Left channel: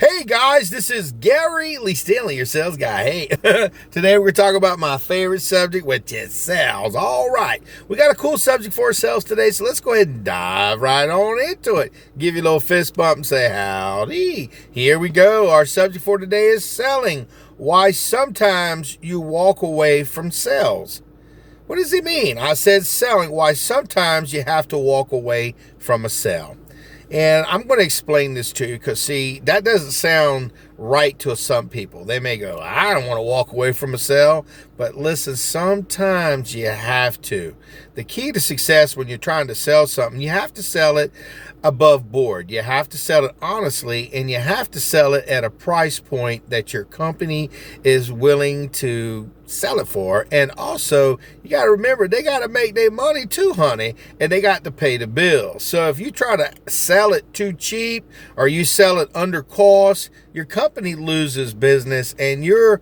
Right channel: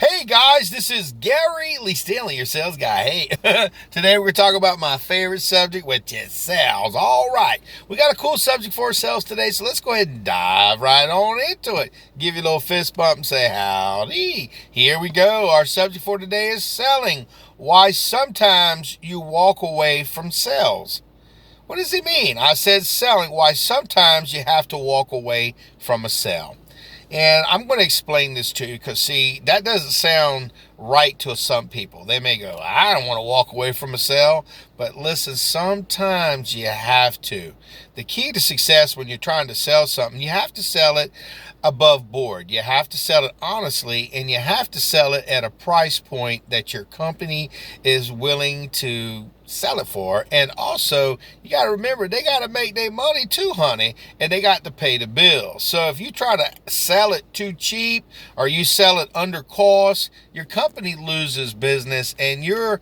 Hey guys, this is Gary Lee Stanley, your sales guy. Hey, today we're talking about my favorite subject, which is sales. All right, we got a cool subject for ourselves today, so let's go ahead and dive right on into it. Give you a little fist bump and say howdy. Here we go. Our subject for today is selling. Why sometimes you walk away from sales. What does he mean? I said selling. Why sometimes you have to walk away from a sale. And I'm going to explain this to you because, see, that doesn't sound right to some people. They may go, I don't want to walk away from a sale. But listen, sometimes you have to. The key to success when you're trying to sell something, you have to sell it above board. You have to sell it honestly, and you have to sell it at a price point that your company is willing to sell it for. And also, you got to remember, they got to make their money too, honey, and they got to pay the bills. So if you try to sell it too cheap or you sell it under cost, your company loses business, and you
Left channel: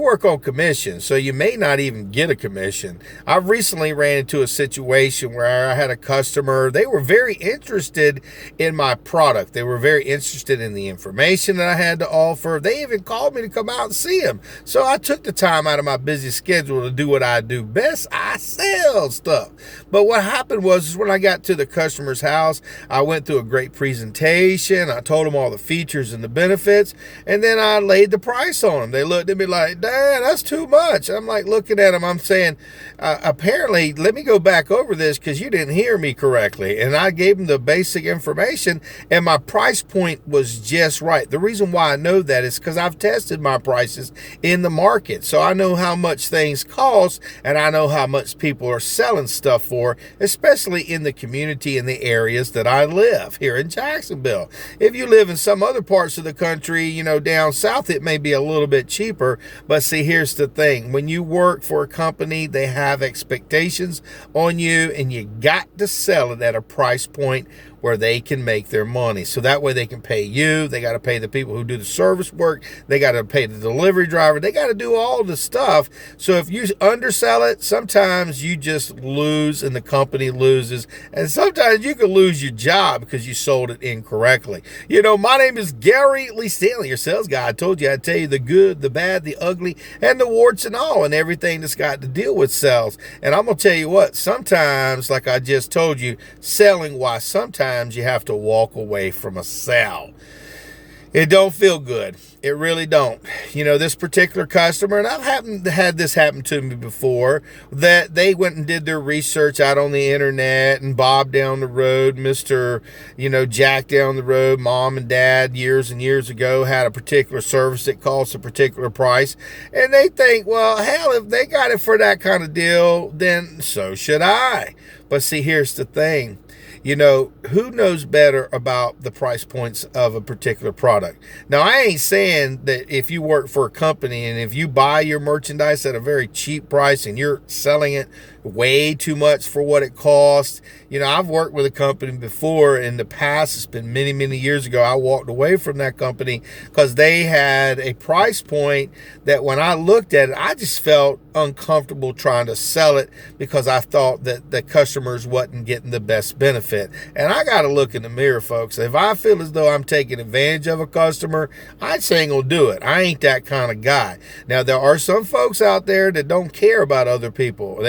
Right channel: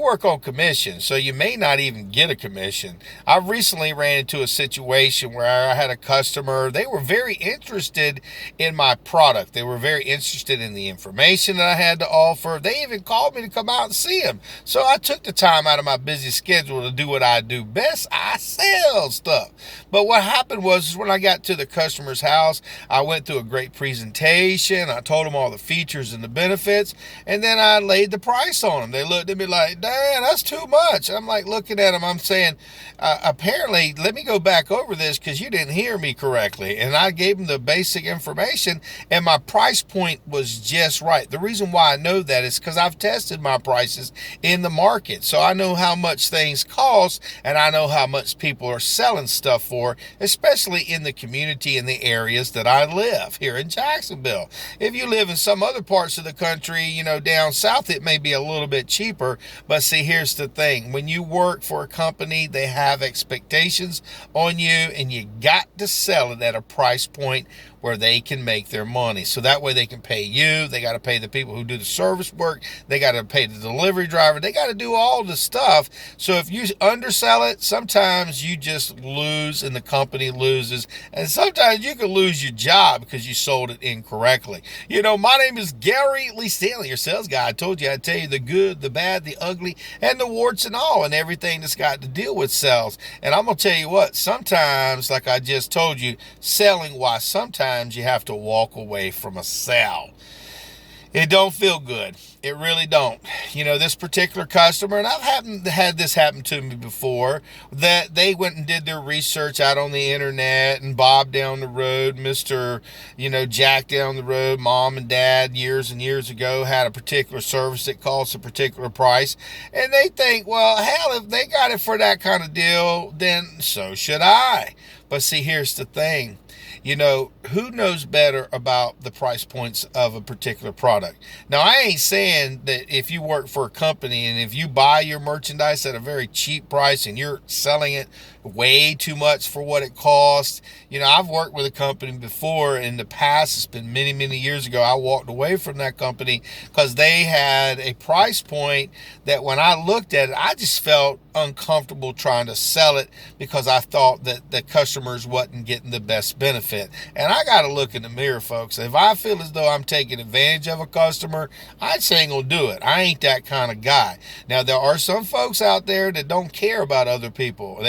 work on commission, so you may not even get a commission. I recently ran into a situation where I had a customer. They were very interested in my product. They were very interested in the information that I had to offer. They even called me to come out and see them. So I took the time out of my busy schedule to do what I do best. I sell stuff. But what happened was when I got to the customer's house, I went through a great presentation. I told them all the features and the benefits, and then I laid the price on them. They looked at me like, "Dad, that's too much." I'm like looking at them. I'm saying, apparently, let me go back over this because you didn't hear me correctly. And I gave them the basic information, and my price point was just right. The reason why I know that is because I've tested my prices in the market. So I know how much things cost, and I know how much people are selling stuff for, especially in the community and the areas that I live here in Jacksonville. If you live in some other parts of the country, down south, it may be a little bit cheaper. But see, here's the thing. When you work for a company, they have expectations on you, and you got to sell it at a price point where they can make their money. So that way they can pay you. They got to pay the people who do the service work. They got to pay the delivery driver. They got to do all the stuff. So if you undersell it, sometimes you just lose and the company loses. And sometimes you can lose your job because you sold it incorrectly. My name is Gary Lee Stanley, your sales guy. I told you I'd tell you the good, the bad, the ugly, and the warts and all, and everything that's got to deal with sales. And I'm going to tell you what, sometimes, like I just told you, selling, why sometimes you have to walk away from a sale. It don't feel good. It really don't. This particular customer, and I've had this happen to me before, that they went and did their research out on the internet, and Bob down the road, Mr. Jack down the road, mom and dad years and years ago had a particular service that costs a particular price, and they think, well, hell, if they got it for that kind of deal, then so should I. But see, here's the thing. Who knows better about the price points of a particular product? Now, I ain't saying that if you work for a company and if you buy your merchandise at a very cheap price and you're selling it way too much for what it costs. I've worked with a company before in the past. It's been many, many years ago. I walked away from that company because they had a price point that when I looked at it, I just felt uncomfortable trying to sell it because I thought that the customers wasn't getting the best benefit. And I got to look in the mirror, folks. If I feel as though I'm taking advantage of a customer, I just ain't gonna do it. I ain't that kind of guy. Now, there are some folks out there that don't care about other people.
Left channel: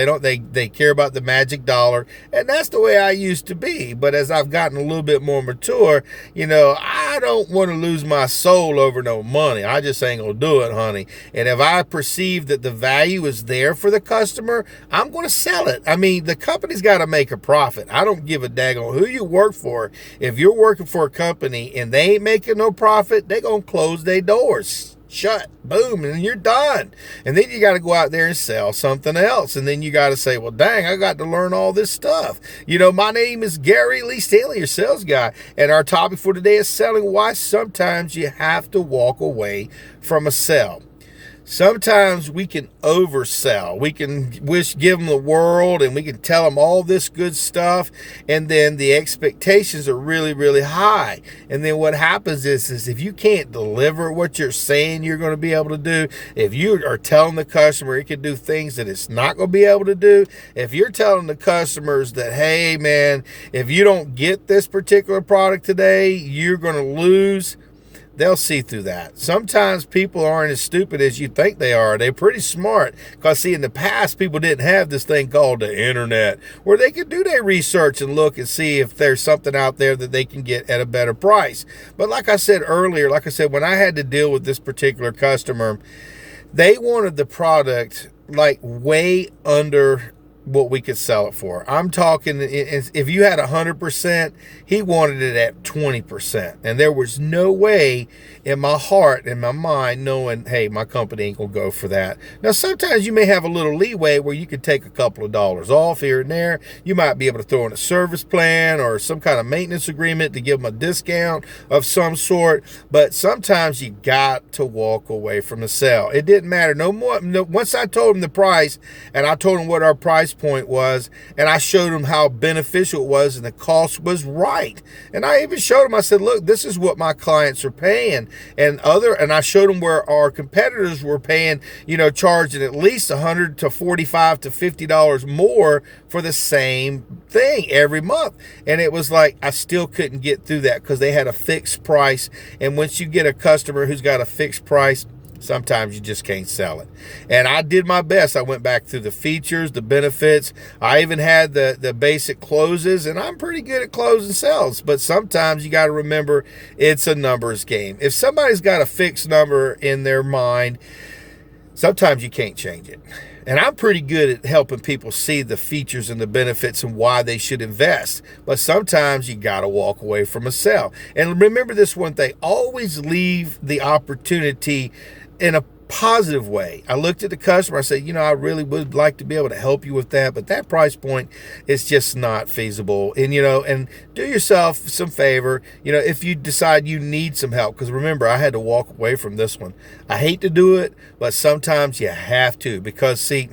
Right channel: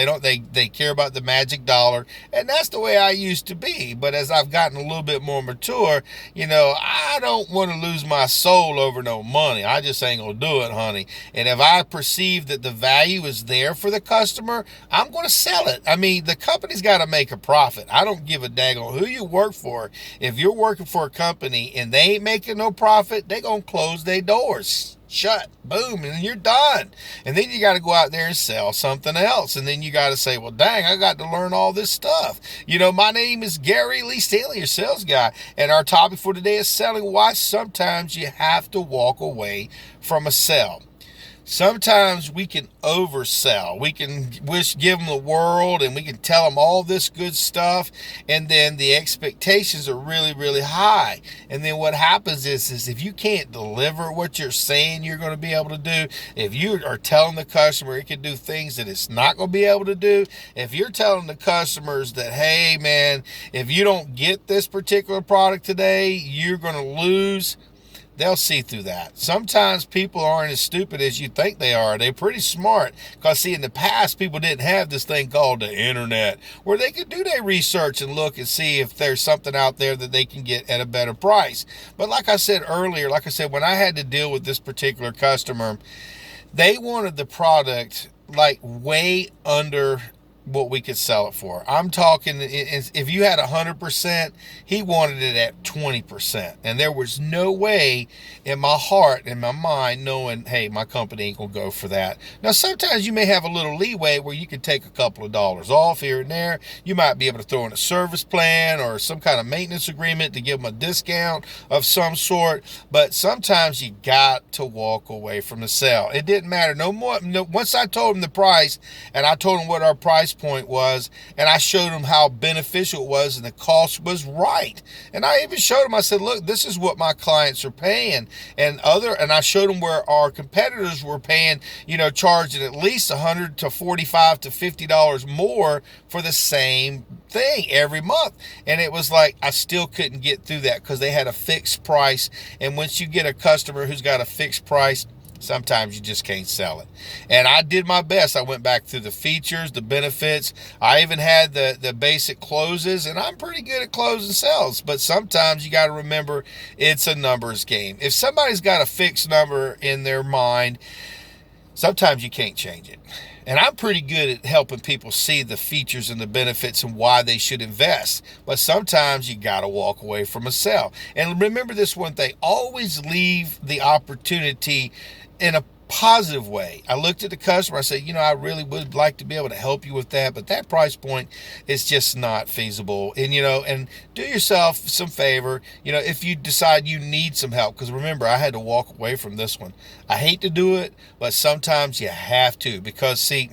They care about the magic dollar, and that's the way I used to be. But as I've gotten a little bit more mature, I don't want to lose my soul over no money. I just ain't gonna do it, honey. And if I perceive that the value is there for the customer, I'm gonna sell it. I mean, the company's got to make a profit. I don't give a daggone who you work for. If you're working for a company and they ain't making no profit, they gonna close their doors. Shut, boom, and you're done. And then you got to go out there and sell something else. And then you got to say, well, dang, I got to learn all this stuff. My name is Gary Lee Stanley, your sales guy. And our topic for today is selling. Why sometimes you have to walk away from a sale. Sometimes we can oversell. We can give them the world, and we can tell them all this good stuff, and then the expectations are really, really high. And then what happens is if you can't deliver what you're saying you're going to be able to do, if you are telling the customer it can do things that it's not going to be able to do, if you're telling the customers that, hey, man, if you don't get this particular product today, you're going to lose, they'll see through that. Sometimes people aren't as stupid as you think they are. They're pretty smart because, see, in the past, people didn't have this thing called the internet where they could do their research and look and see if there's something out there that they can get at a better price. But like I said earlier, when I had to deal with this particular customer, they wanted the product like way under what we could sell it for. I'm talking, if you had 100%, he wanted it at 20%. And there was no way in my heart, in my mind, knowing, hey, my company ain't going to go for that. Now, sometimes you may have a little leeway where you could take a couple of dollars off here and there. You might be able to throw in a service plan or some kind of maintenance agreement to give them a discount of some sort. But sometimes you got to walk away from the sale. It didn't matter no more. No, once I told him the price and I told him what our price point was, and I showed him how beneficial it was and the cost was right. And I even showed him, I said, look, this is what my clients are paying. And I showed him where our competitors were paying, charging at least $100 to $45 to $50 more for the same thing every month. And it was like, I still couldn't get through that because they had a fixed price. And once you get a customer who's got a fixed price, sometimes you just can't sell it. And I did my best. I went back through the features, the benefits. I even had the basic closes, and I'm pretty good at closing sales. But sometimes you got to remember it's a numbers game. If somebody's got a fixed number in their mind, sometimes you can't change it. And I'm pretty good at helping people see the features and the benefits and why they should invest. But sometimes you got to walk away from a sale. And remember this one thing, always leave the opportunity in a positive way. I looked at the customer, I said, I really would like to be able to help you with that, but that price point is just not feasible. And, and do yourself some favor, if you decide you need some help, because remember, I had to walk away from this one. I hate to do it, but sometimes you have to, because see,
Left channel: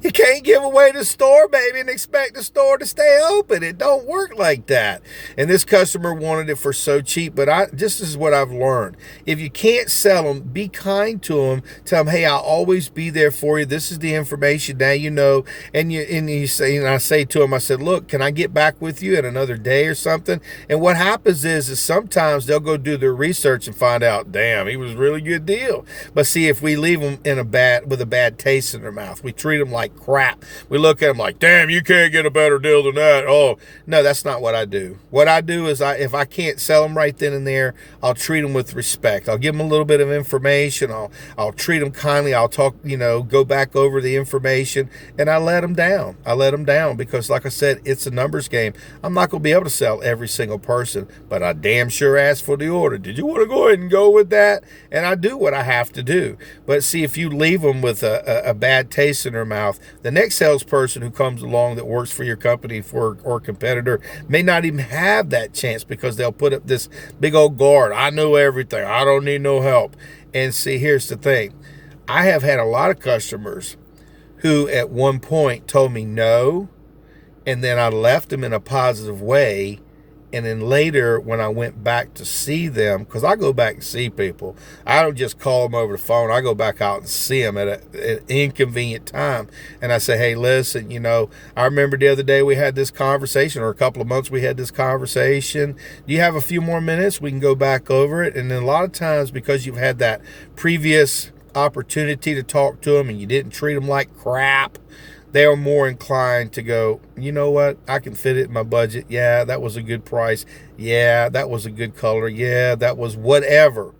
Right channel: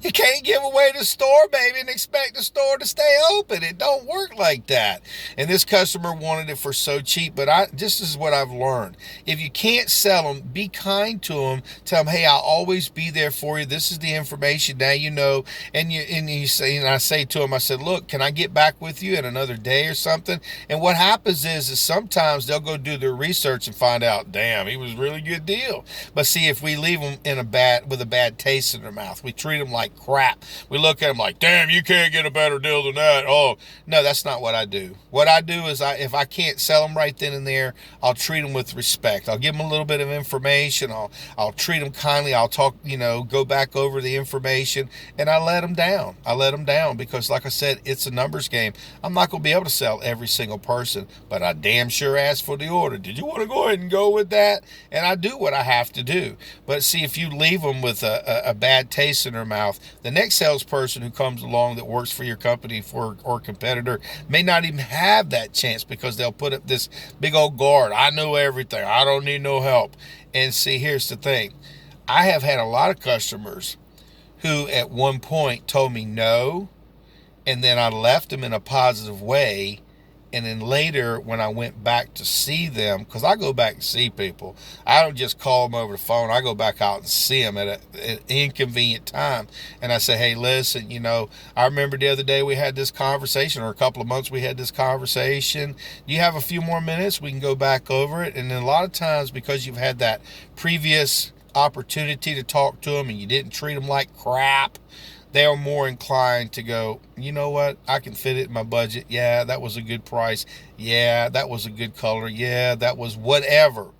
you can't give away the store, baby, and expect the store to stay open. It don't work like that. And this customer wanted it for so cheap, but this is what I've learned. If you can't sell them, be kind to them. Tell them, hey, I'll always be there for you. This is the information. Now you know. And I say to them, I said, look, can I get back with you in another day or something? And what happens is sometimes they'll go do their research and find out, damn, he was a really good deal. But see, if we leave them with a bad taste in their mouth, we treat them like crap. We look at them like, damn, you can't get a better deal than that. Oh, no, that's not what I do. What I do is if I can't sell them right then and there, I'll treat them with respect. I'll give them a little bit of information. I'll treat them kindly. I'll talk, go back over the information, and I let them down. I let them down because, like I said, it's a numbers game. I'm not going to be able to sell every single person, but I damn sure asked for the order. Did you want to go ahead and go with that? And I do what I have to do. But see, if you leave them with a bad taste in their mouth, the next salesperson who comes along that works for your company or competitor may not even have that chance because they'll put up this big old guard. I know everything. I don't need no help. And see, here's the thing. I have had a lot of customers who at one point told me no, and then I left them in a positive way. And then later, when I went back to see them, because I go back and see people, I don't just call them over the phone. I go back out and see them at an inconvenient time. And I say, hey, listen, I remember the other day we had this conversation, or a couple of months we had this conversation. Do you have a few more minutes? We can go back over it. And then a lot of times, because you've had that previous opportunity to talk to them and you didn't treat them like crap, they are more inclined to go, you know what, I can fit it in my budget. Yeah, that was a good price. Yeah, that was a good color. Yeah, that was whatever.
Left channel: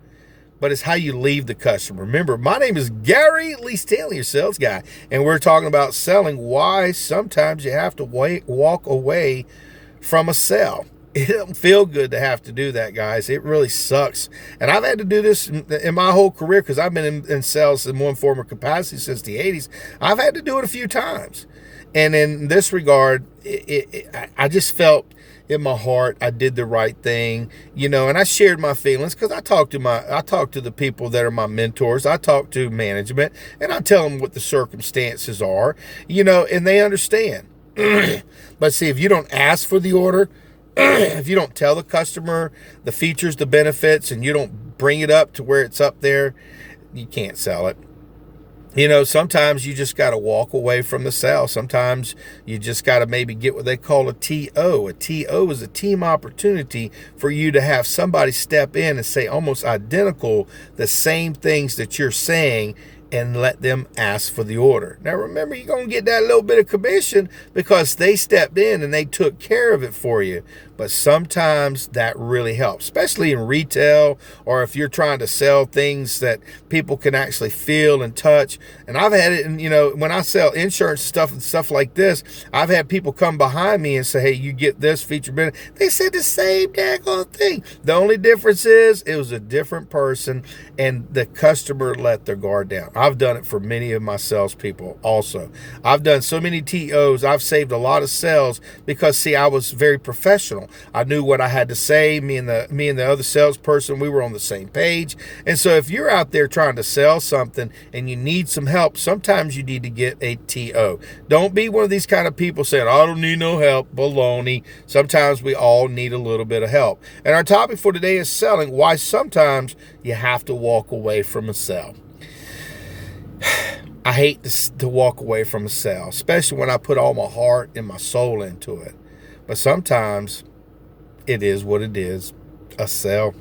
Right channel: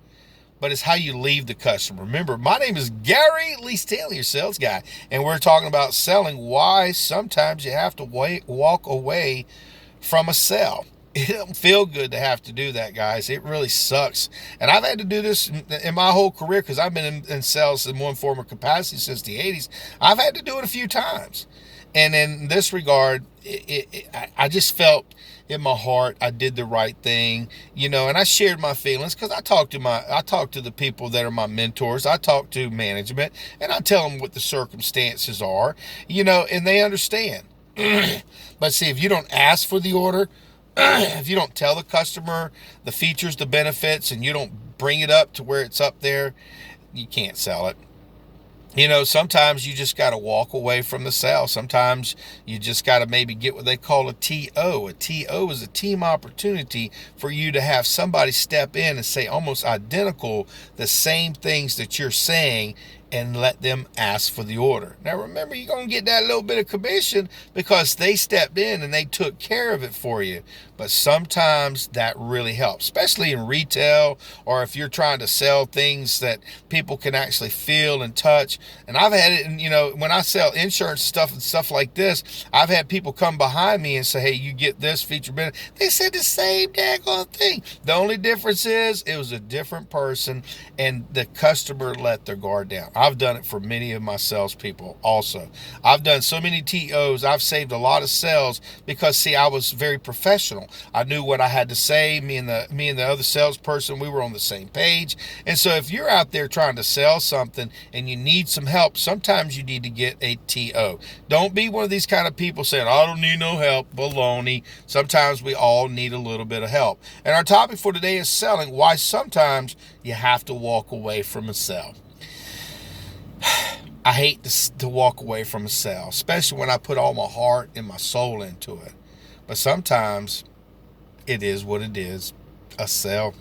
But it's how you leave the customer. Remember, my name is Gary Lee Stanley, your sales guy, and we're talking about selling, why sometimes you have to walk away from a sale. It doesn't feel good to have to do that, guys. It really sucks. And I've had to do this in my whole career because I've been in sales in one form or capacity since the 80s. I've had to do it a few times. And in this regard, I just felt in my heart I did the right thing, and I shared my feelings because I talk to the people that are my mentors. I talk to management, and I tell them what the circumstances are, and they understand. But see, if you don't ask for the order, if you don't tell the customer the features, the benefits, and you don't bring it up to where it's up there, you can't sell it. Sometimes you just got to walk away from the sale. Sometimes you just got to maybe get what they call a TO. A TO is a team opportunity for you to have somebody step in and say almost identical the same things that you're saying, and let them ask for the order. Now remember, you're going to get that little bit of commission because they stepped in and they took care of it for you. But sometimes that really helps, especially in retail, or if you're trying to sell things that people can actually feel and touch. And I've had it, and when I sell insurance stuff and stuff like this, I've had people come behind me and say, hey, you get this feature benefit. They said the same daggone thing. The only difference is it was a different person, and the customer let their guard down. I've done it for many of my salespeople also. I've done so many TOs. I've saved a lot of sales because, see, I was very professional. I knew what I had to say. Me and the other salesperson, we were on the same page. And so if you're out there trying to sell something and you need some help, sometimes you need to get a TO. Don't be one of these kind of people saying, I don't need no help. Baloney. Sometimes we all need a little bit of help. And our topic for today is selling, why sometimes you have to walk away from a sale. I hate to walk away from a sale, especially when I put all my heart and my soul into it. But sometimes it is what it is, a sale.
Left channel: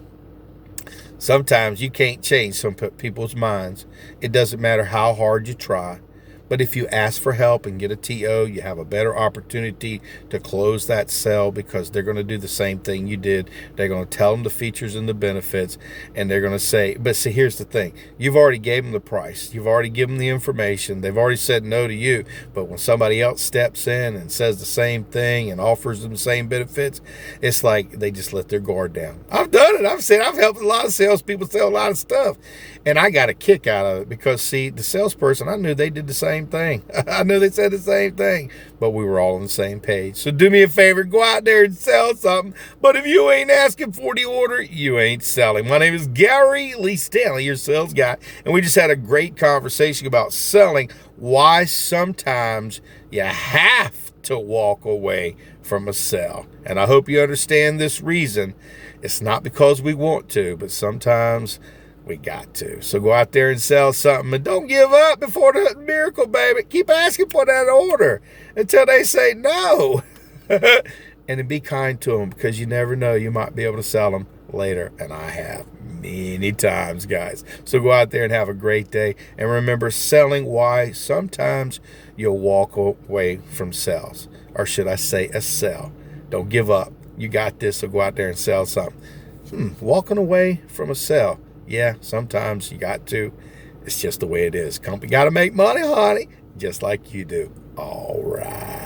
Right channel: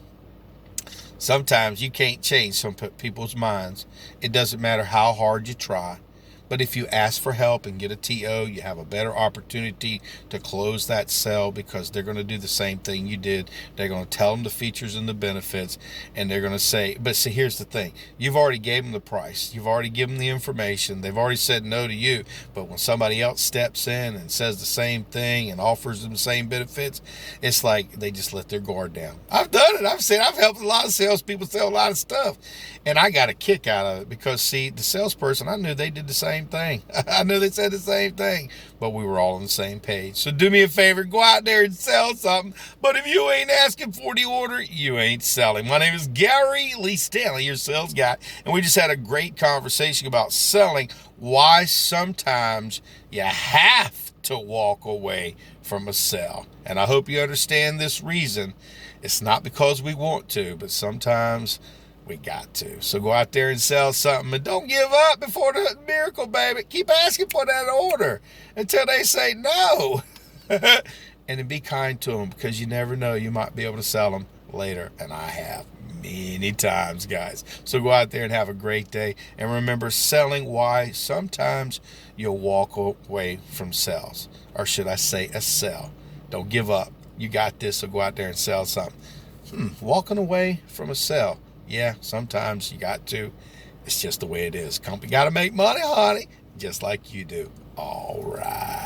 Sometimes you can't change some people's minds. It doesn't matter how hard you try. But if you ask for help and get a TO, you have a better opportunity to close that sale because they're going to do the same thing you did. They're going to tell them the features and the benefits, and they're going to say, but see, here's the thing. You've already gave them the price. You've already given them the information. They've already said no to you. But when somebody else steps in and says the same thing and offers them the same benefits, it's like they just let their guard down. I've done it. I've helped a lot of salespeople sell a lot of stuff, and I got a kick out of it because, see, the salesperson, I knew they did the same thing. I knew they said the same thing, but we were all on the same page. So do me a favor, go out there and sell something. But if you ain't asking for the order, you ain't selling. My name is Gary Lee Stanley, your sales guy, and we just had a great conversation about selling, why sometimes you have to walk away from a sale. And I hope you understand this reason. It's not because we want to, but sometimes we got to. So go out there and sell something, and don't give up before the miracle, baby. Keep asking for that order until they say no. And then be kind to them, because you never know, you might be able to sell them later. And I have many times, guys. So go out there and have a great day. And remember, selling, why sometimes you'll walk away from sales. Or should I say a sell. Don't give up. You got this, so go out there and sell something. Walking away from a sale. Yeah, sometimes you got to. It's just the way it is. Company got to make money, honey, just like you do. All right.